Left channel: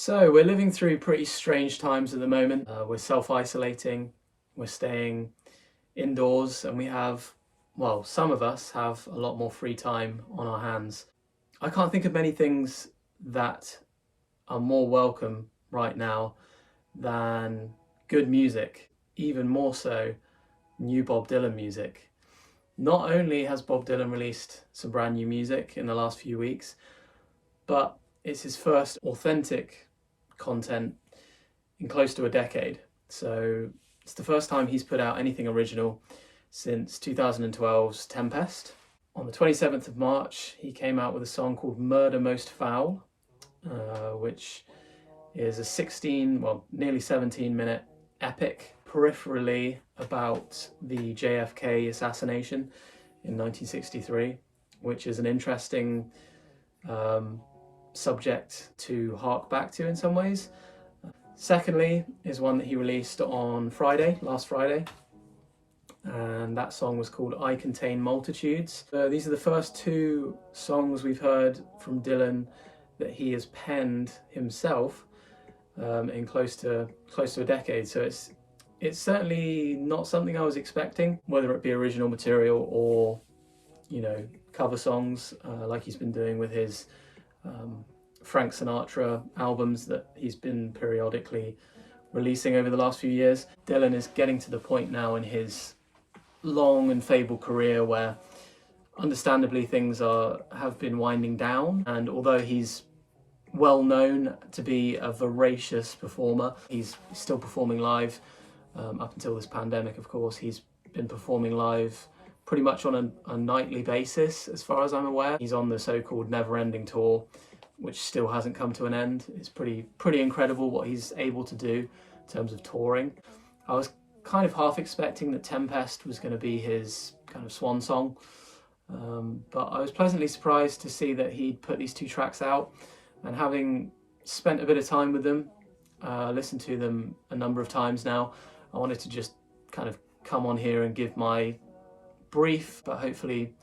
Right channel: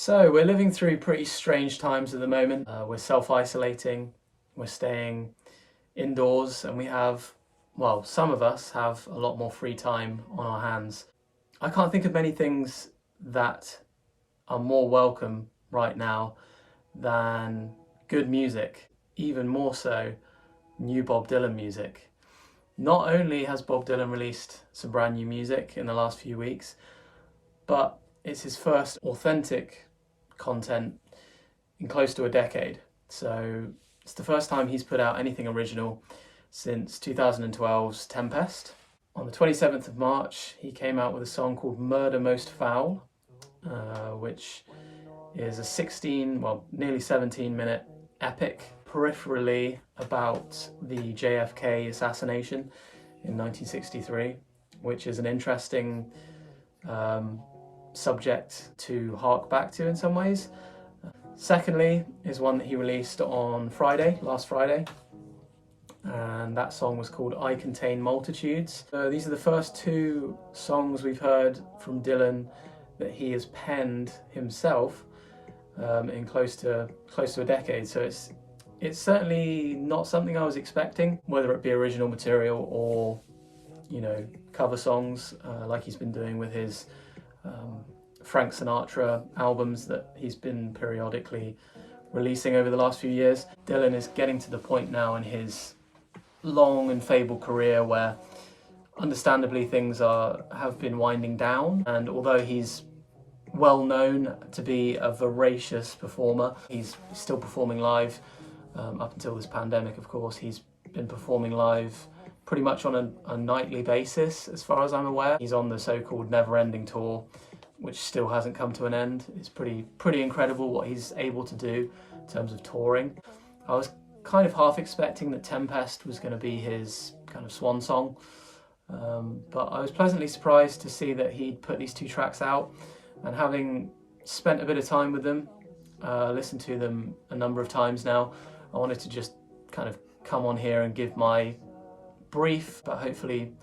So we're living through pretty strange times at the moment. We're self-isolating, we're staying indoors, and we have, well, some of us have a lot more free time on our hands. I can't think of many things that are more welcome right now than good music, even more so new Bob Dylan music. Not only has Bob Dylan released some brand new music in the last few weeks, but it's his first authentic content in close to a decade. So it's the first time he's put out anything original since 2012's Tempest. On the 27th of March, he came out with a song called Murder Most Foul, which is a 16, well, nearly 17-minute epic peripherally about the JFK assassination in 1963, which is an interesting subject to hark back to in some ways. Secondly is one that he released on Friday, last Friday, and that song was called I Contain Multitudes. These are the first two songs we've heard from Dylan that he has penned himself in close to a decade. So it's certainly not something I was expecting, whether it be original material or, you know, cover songs like he's been doing with his Frank Sinatra albums that he's been periodically releasing over the last few years. Dylan is getting to the point now in his long and fabled career where understandably things have been winding down, and although he's well known to be a voracious performer, he's still performing live. Up until this pandemic, of course, he's been performing live pretty much on a nightly basis, as far as I'm aware. He's on the so-called never-ending tour, which still hasn't come to an end. It's pretty incredible what he's able to do in terms of touring. I was kind of half expecting that Tempest was going to be his kind of swan song, but I was pleasantly surprised to see that he'd put these two tracks out, and having spent a bit of time with them, listened to them a number of times now, I wanted to just kind of come on here and give my brief but hopefully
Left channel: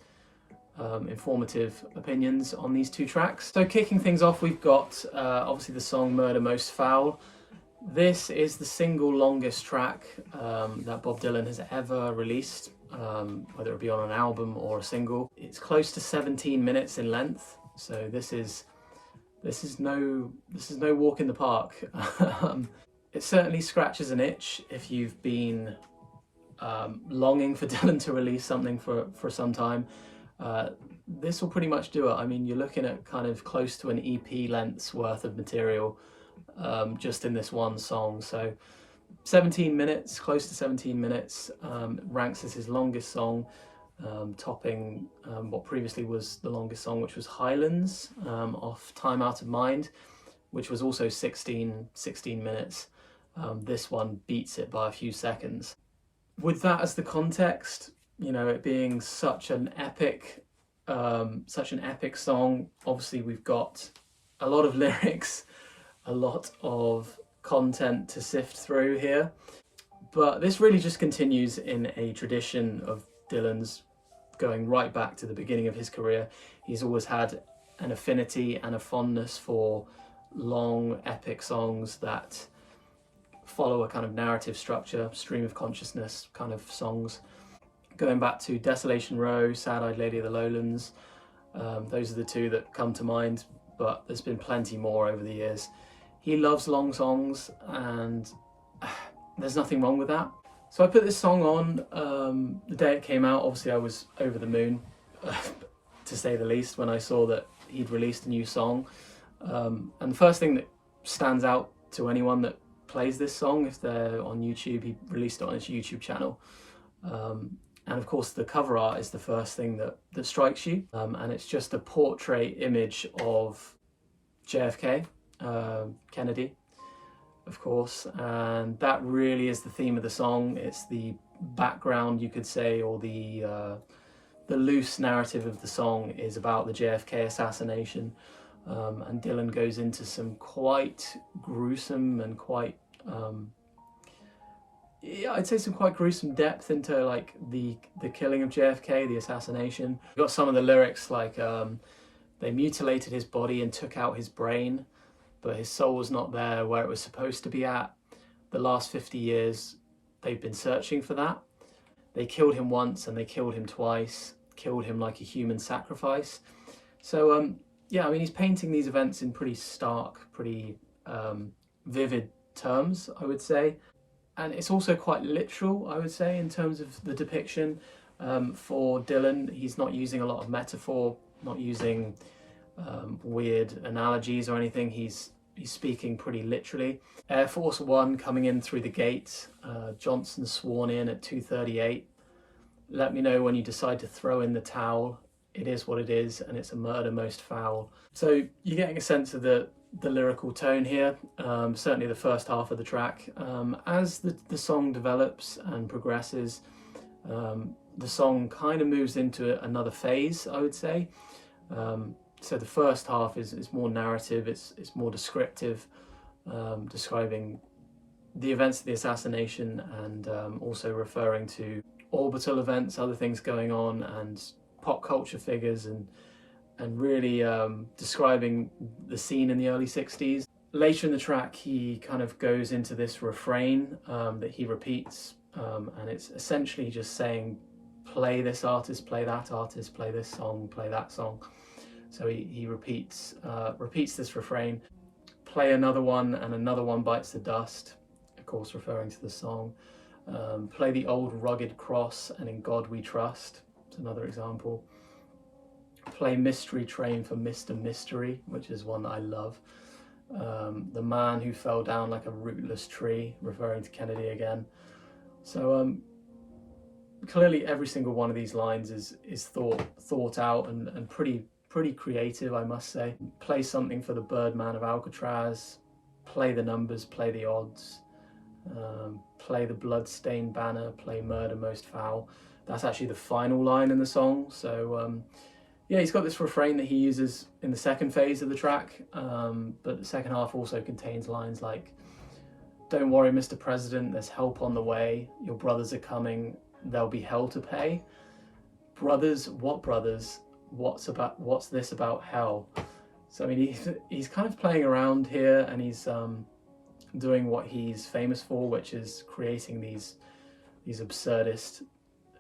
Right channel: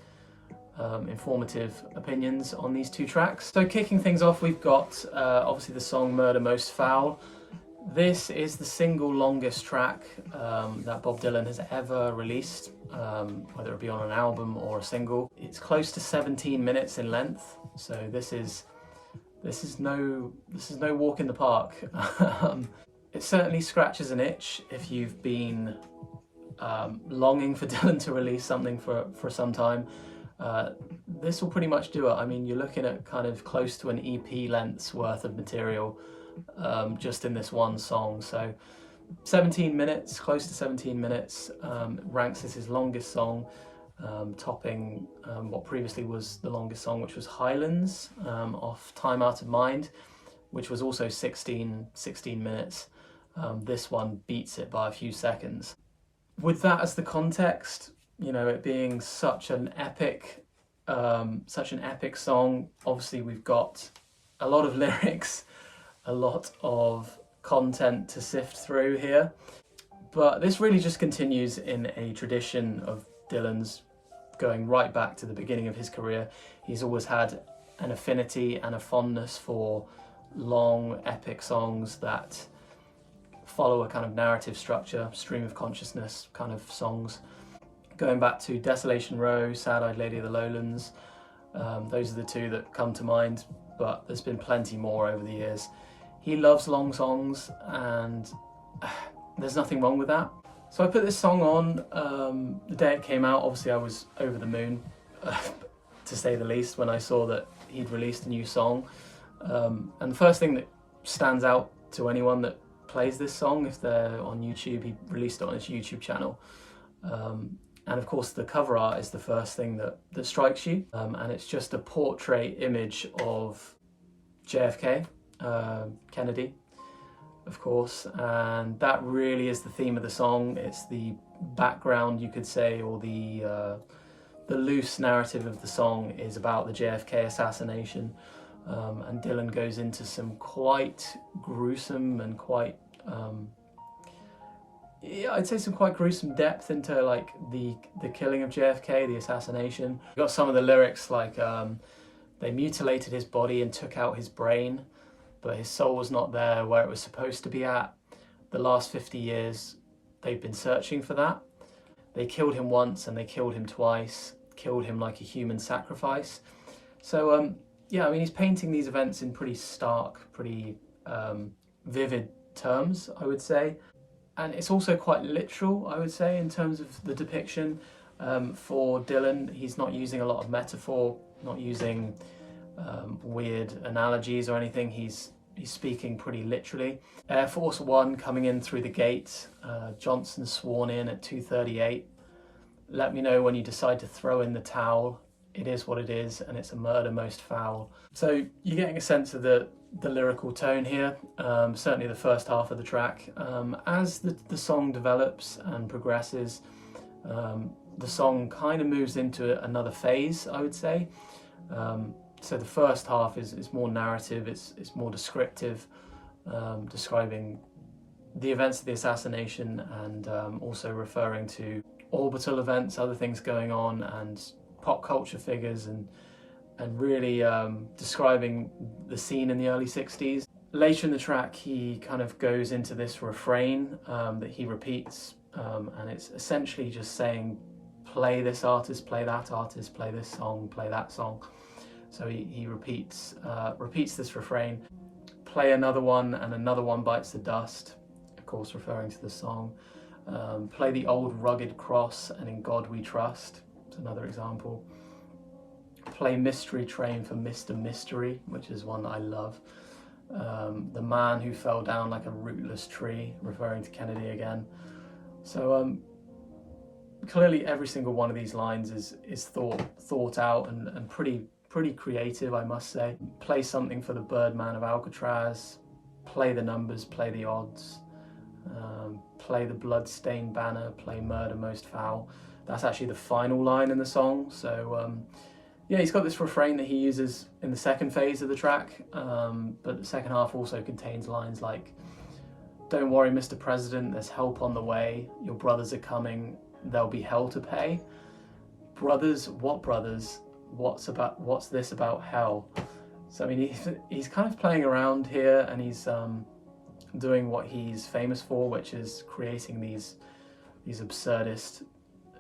informative opinions on these two tracks. So kicking things off, we've got obviously the song Murder Most Foul. This is the single longest track that Bob Dylan has ever released, whether it be on an album or a single. It's close to 17 minutes in length, so this is no walk in the park. It certainly scratches an itch if you've been longing for Dylan to release something for some time. This will pretty much do it. I mean, you're looking at kind of close to an EP length's worth of material just in this one song. So 17 minutes, close to 17 minutes, ranks as his longest song, topping what previously was the longest song, which was Highlands off Time Out of Mind, which was also 16 minutes. This one beats it by a few seconds. With that as the context, you know, it being such an epic song, obviously we've got a lot of lyrics, a lot of content to sift through here, but this really just continues in a tradition of Dylan's going right back to the beginning of his career. He's always had an affinity and a fondness for long epic songs that follow a kind of narrative structure, stream of consciousness kind of songs. Going back to Desolation Row, Sad-Eyed Lady of the Lowlands, those are the two that come to mind, but there's been plenty more over the years. He loves long songs, and there's nothing wrong with that. So I put this song on the day it came out. Obviously I was over the moon, to say the least, when I saw that he'd released a new song. And the first thing that stands out to anyone that plays this song, if they're on YouTube, he released it on his YouTube channel. And of course the cover art is the first thing that strikes you. And it's just a portrait image of JFK, Kennedy, of course, and that really is the theme of the song. It's the background, you could say, or the loose narrative of the song is about the JFK assassination, and Dylan goes into some quite gruesome and quite I'd say some quite gruesome depth into like the killing of JFK, the assassination. We've got some of the lyrics like they mutilated his body and took out his brain, but his soul was not there where it was supposed to be at. The last 50 years, they've been searching for that. They killed him once and they killed him twice, killed him like a human sacrifice. So, yeah, I mean, he's painting these events in pretty stark, pretty vivid terms, I would say. And it's also quite literal, I would say, in terms of the depiction. For Dylan, he's not using a lot of metaphor, not using weird analogies or anything. He's speaking pretty literally. Air Force One coming in through the gate. Johnson sworn in at 2:38. Let me know when you decide to throw in the towel. It is what it is, and it's a murder most foul. So you're getting a sense of the lyrical tone here, certainly the first half of the track. As the song develops and progresses, the song kind of moves into another phase, I would say. So the first half is more narrative, it's more descriptive, describing the events of the assassination and also referring to orbital events, other things going on, and pop culture figures, and really describing the scene in the early 60s. Later in the track, he kind of goes into this refrain that he repeats, and it's essentially just saying, play this artist, play that artist, play this song, play that song. So he repeats this refrain, play another one and another one bites the dust, of course referring to the song. Play the old rugged cross and in God we trust. It's another example. Play Mystery Train for Mr. Mystery, which is one that I love. The man who fell down like a rootless tree, referring to Kennedy again. So clearly every single one of these lines is thought out and pretty creative, I must say. Play something for the Birdman of Alcatraz. Play the numbers, play the odds. Play the blood-stained banner, play murder most foul. That's actually the final line in the song. So yeah, he's got this refrain that he uses in the second phase of the track, but the second half also contains lines like, don't worry, Mr. President, there's help on the way. Your brothers are coming, there'll be hell to pay. Brothers, what brothers? What's this about hell? So I mean, he's kind of playing around here, and he's doing what he's famous for, which is creating these absurdist,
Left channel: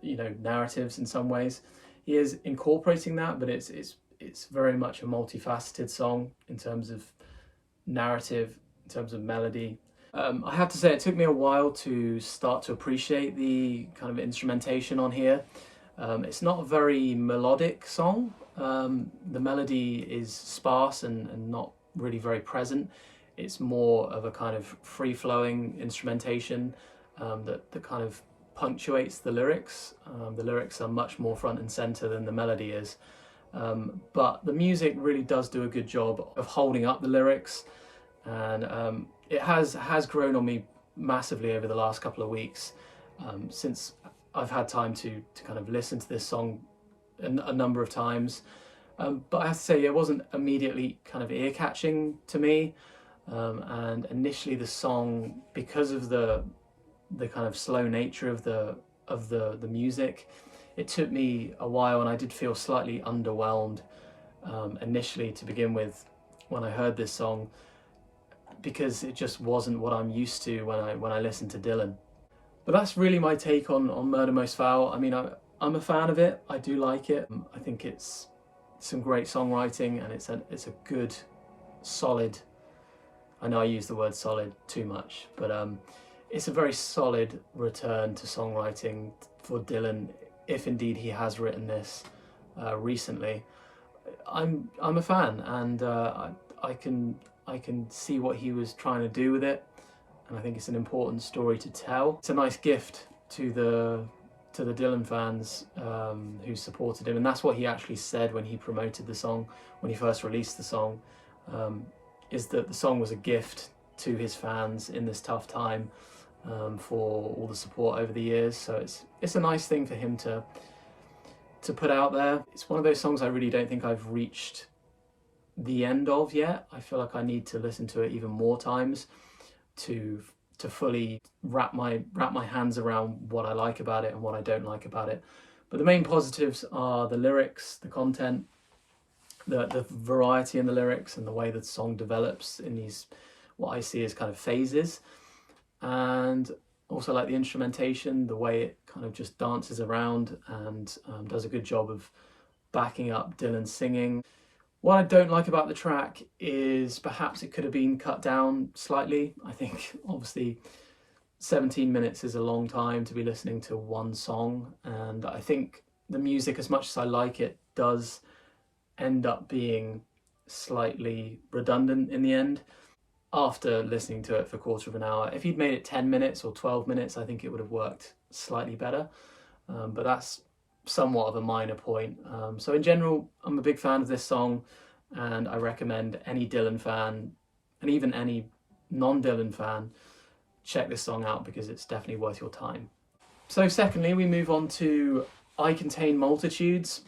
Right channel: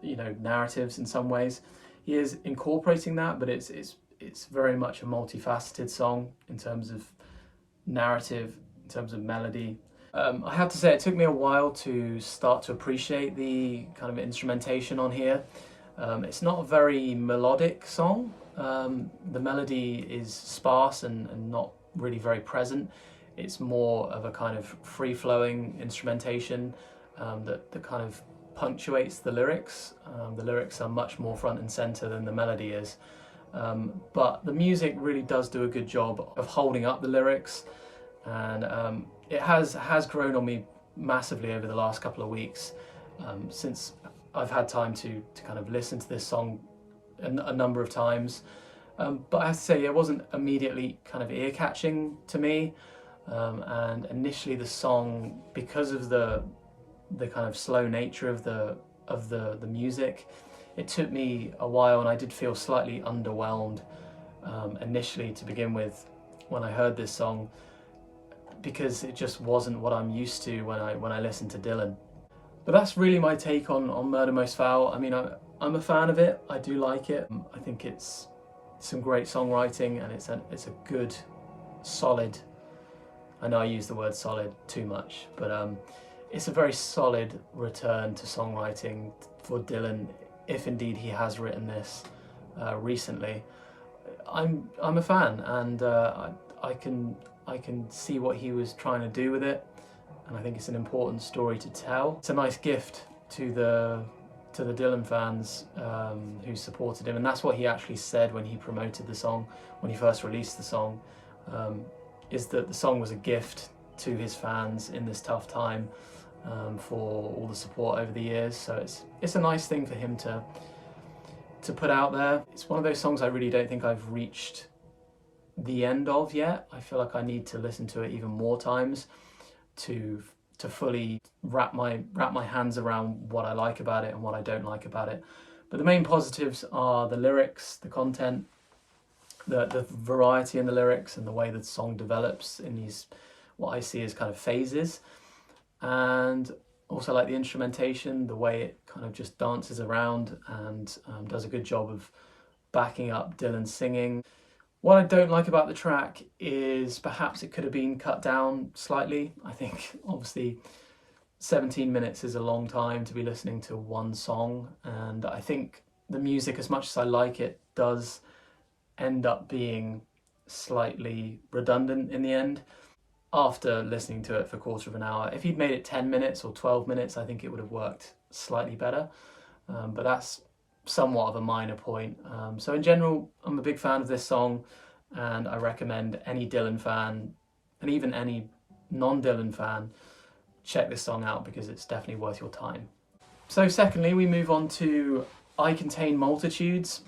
narratives in some ways. He is incorporating that, but it's very much a multifaceted song in terms of narrative, in terms of melody. I have to say, it took me a while to start to appreciate the kind of instrumentation on here. It's not a very melodic song. The melody is sparse and not really very present. It's more of a kind of free-flowing instrumentation that kind of punctuates the lyrics. The lyrics are much more front and center than the melody is. But the music really does do a good job of holding up the lyrics, and it has grown on me massively over the last couple of weeks, since I've had time to kind of listen to this song a number of times. But I have to say, it wasn't immediately kind of ear-catching to me. And initially the song, because of the kind of slow nature of the music, it took me a while, and I did feel slightly underwhelmed initially to begin with when I heard this song, because it just wasn't what I'm used to when I listen to Dylan. But that's really my take on Murder Most Foul. I mean, I'm a fan of it. I do like it. I think it's some great songwriting, and it's a good, solid. I know I use the word solid too much, but it's a very solid return to songwriting for Dylan, if indeed he has written this recently. I'm a fan, and I can see what he was trying to do with it, and I think it's an important story to tell. It's a nice gift to the Dylan fans who supported him, and that's what he actually said when he promoted the song, when he first released the song. Is that the song was a gift to his fans in this tough time, for all the support over the years. So it's a nice thing for him to put out there. It's one of those songs I really don't think I've reached the end of yet. I feel like I need to listen to it even more times to fully wrap my hands around what I like about it and what I don't like about it. But the main positives are the lyrics, the content, the variety in the lyrics and the way the song develops in these, what I see as kind of phases. And also like the instrumentation, the way it kind of just dances around and does a good job of backing up Dylan's singing. What I don't like about the track is perhaps it could have been cut down slightly. I think obviously 17 minutes is a long time to be listening to one song, and I think the music, as much as I like it, does end up being slightly redundant in the end. After listening to it for a quarter of an hour, if you'd made it 10 minutes or 12 minutes, I think it would have worked slightly better. But that's somewhat of a minor point. So in general, I'm a big fan of this song, and I recommend any Dylan fan, and even any non-Dylan fan, check this song out because it's definitely worth your time. So secondly, we move on to I Contain Multitudes.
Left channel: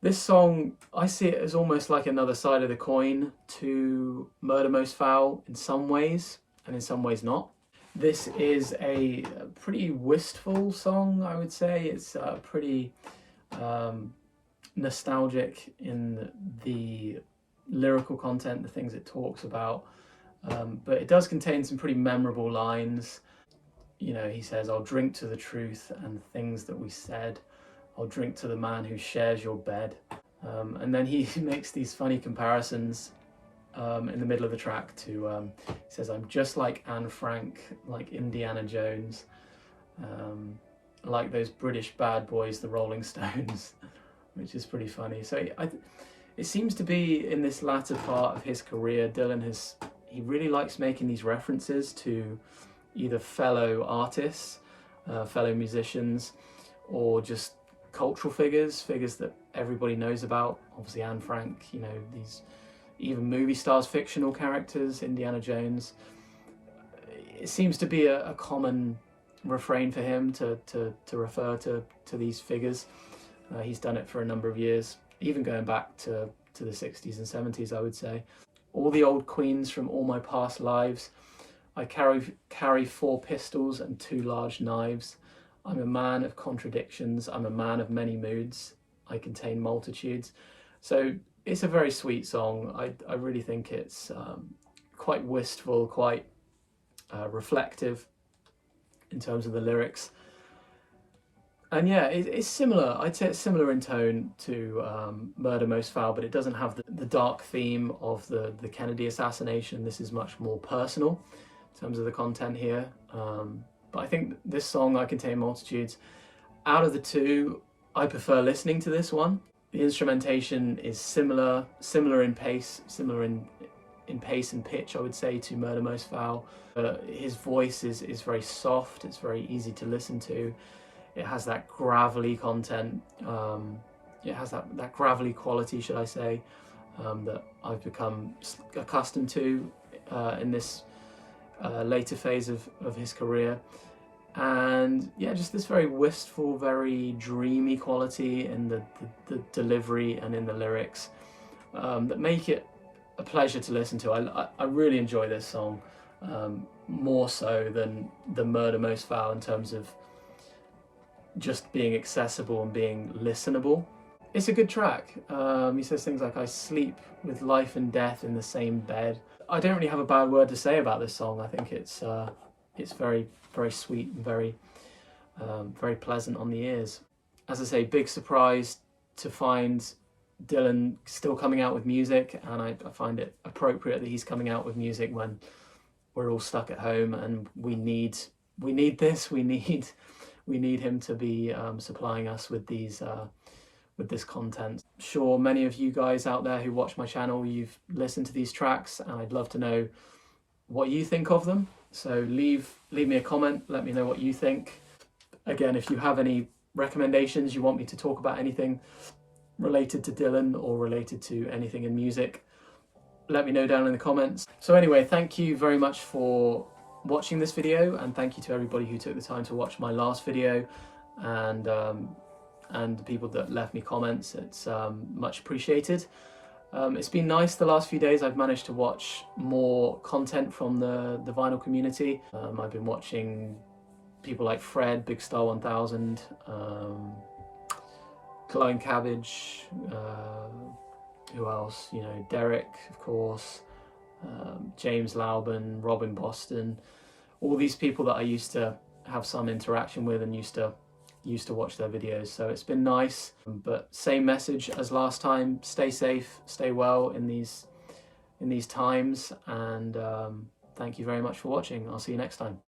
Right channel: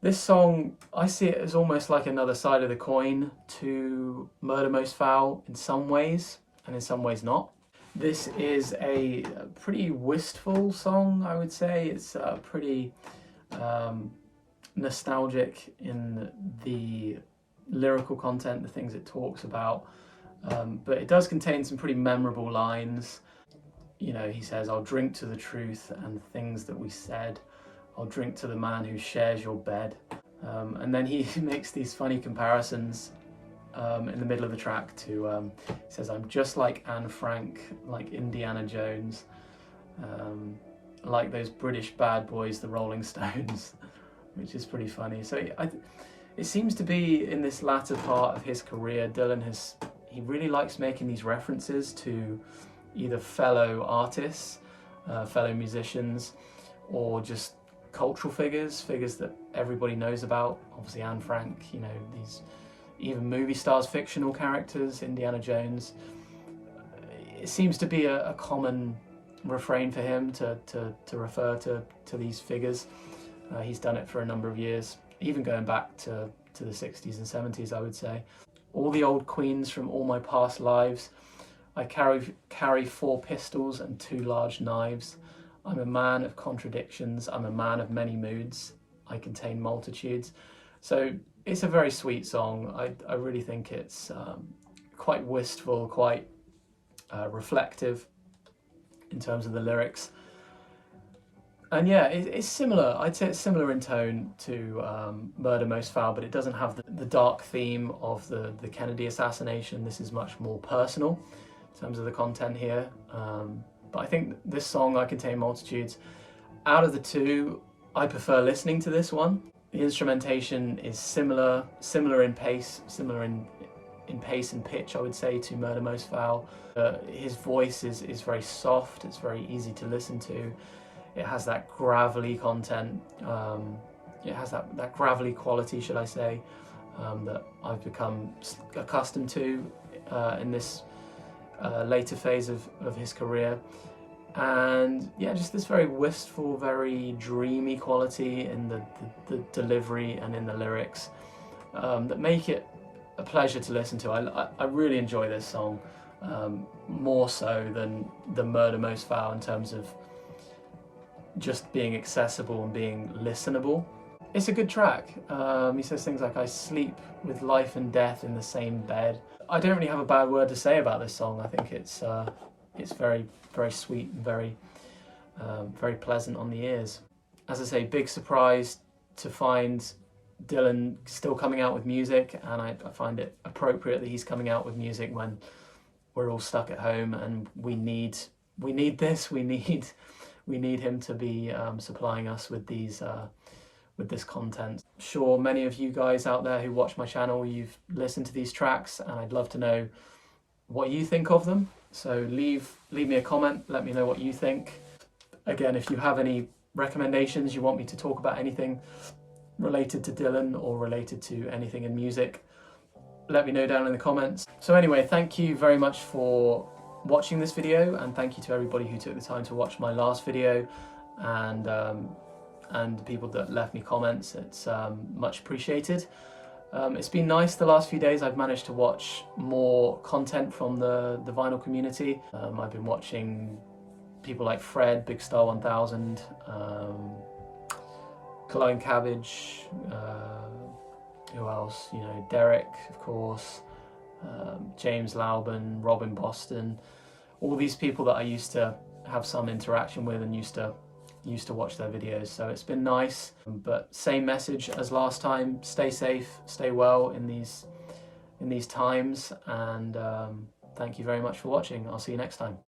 This song, I see it as almost like another side of the coin to Murder Most Foul in some ways, and in some ways not. This is a pretty wistful song, I would say. It's pretty nostalgic in the lyrical content, the things it talks about, but it does contain some pretty memorable lines. You know, he says, "I'll drink to the truth and things that we said. I'll drink to the man who shares your bed." And then he makes these funny comparisons in the middle of the track to, he says, "I'm just like Anne Frank, like Indiana Jones, like those British bad boys, the Rolling Stones," which is pretty funny. So it seems to be in this latter part of his career, he really likes making these references to either fellow artists, fellow musicians, or just cultural figures that everybody knows about. Obviously Anne Frank, you know, these even movie stars, fictional characters, Indiana Jones. It seems to be a common refrain for him to refer to these figures. He's done it for a number of years, even going back to the 60s and 70s, I would say. All the old queens from all my past lives. I carry 4 pistols and 2 large knives. I'm a man of contradictions. I'm a man of many moods. I contain multitudes. So it's a very sweet song. I really think it's quite wistful, quite reflective in terms of the lyrics. And yeah, it's similar. I'd say it's similar in tone to Murder Most Foul, but it doesn't have the dark theme of the Kennedy assassination. This is much more personal in terms of the content here. But I think this song, I Contain Multitudes, out of the two, I prefer listening to this one. The instrumentation is similar in pace, similar in pace and pitch, I would say, to Murder Most Foul. His voice is very soft. It's very easy to listen to. It has that gravelly content. It has that gravelly quality, should I say, that I've become accustomed to in this later phase of his career. And yeah, just this very wistful, very dreamy quality in the delivery and in the lyrics that make it a pleasure to listen to. I really enjoy this song, more so than the Murder Most Foul in terms of just being accessible and being listenable. It's a good track. He says things like, "I sleep with life and death in the same bed." I don't really have a bad word to say about this song. I think it's very, very sweet and very, very pleasant on the ears. As I say, big surprise to find Dylan still coming out with music, and I find it appropriate that he's coming out with music when we're all stuck at home and we need this. We need him to be supplying us with these with this content. Sure, many of you guys out there who watch my channel, you've listened to these tracks, and I'd love to know what you think of them. So leave me a comment, let me know what you think. Again, if you have any recommendations, you want me to talk about anything related to Dylan or related to anything in music, let me know down in the comments. So anyway, thank you very much for watching this video, and thank you to everybody who took the time to watch my last video, and the people that left me comments. It's much appreciated. It's been nice the last few days. I've managed to watch more content from the vinyl community. I've been watching people like Fred, Big Star 1000, Glowing Cabbage, who else? You know, Derek, of course, James Laubin, Robin Boston, all these people that I used to have some interaction with and used to watch their videos. So it's been nice, but same message as last time: stay safe, stay well in these times, and thank you very much for watching. I'll see you next time.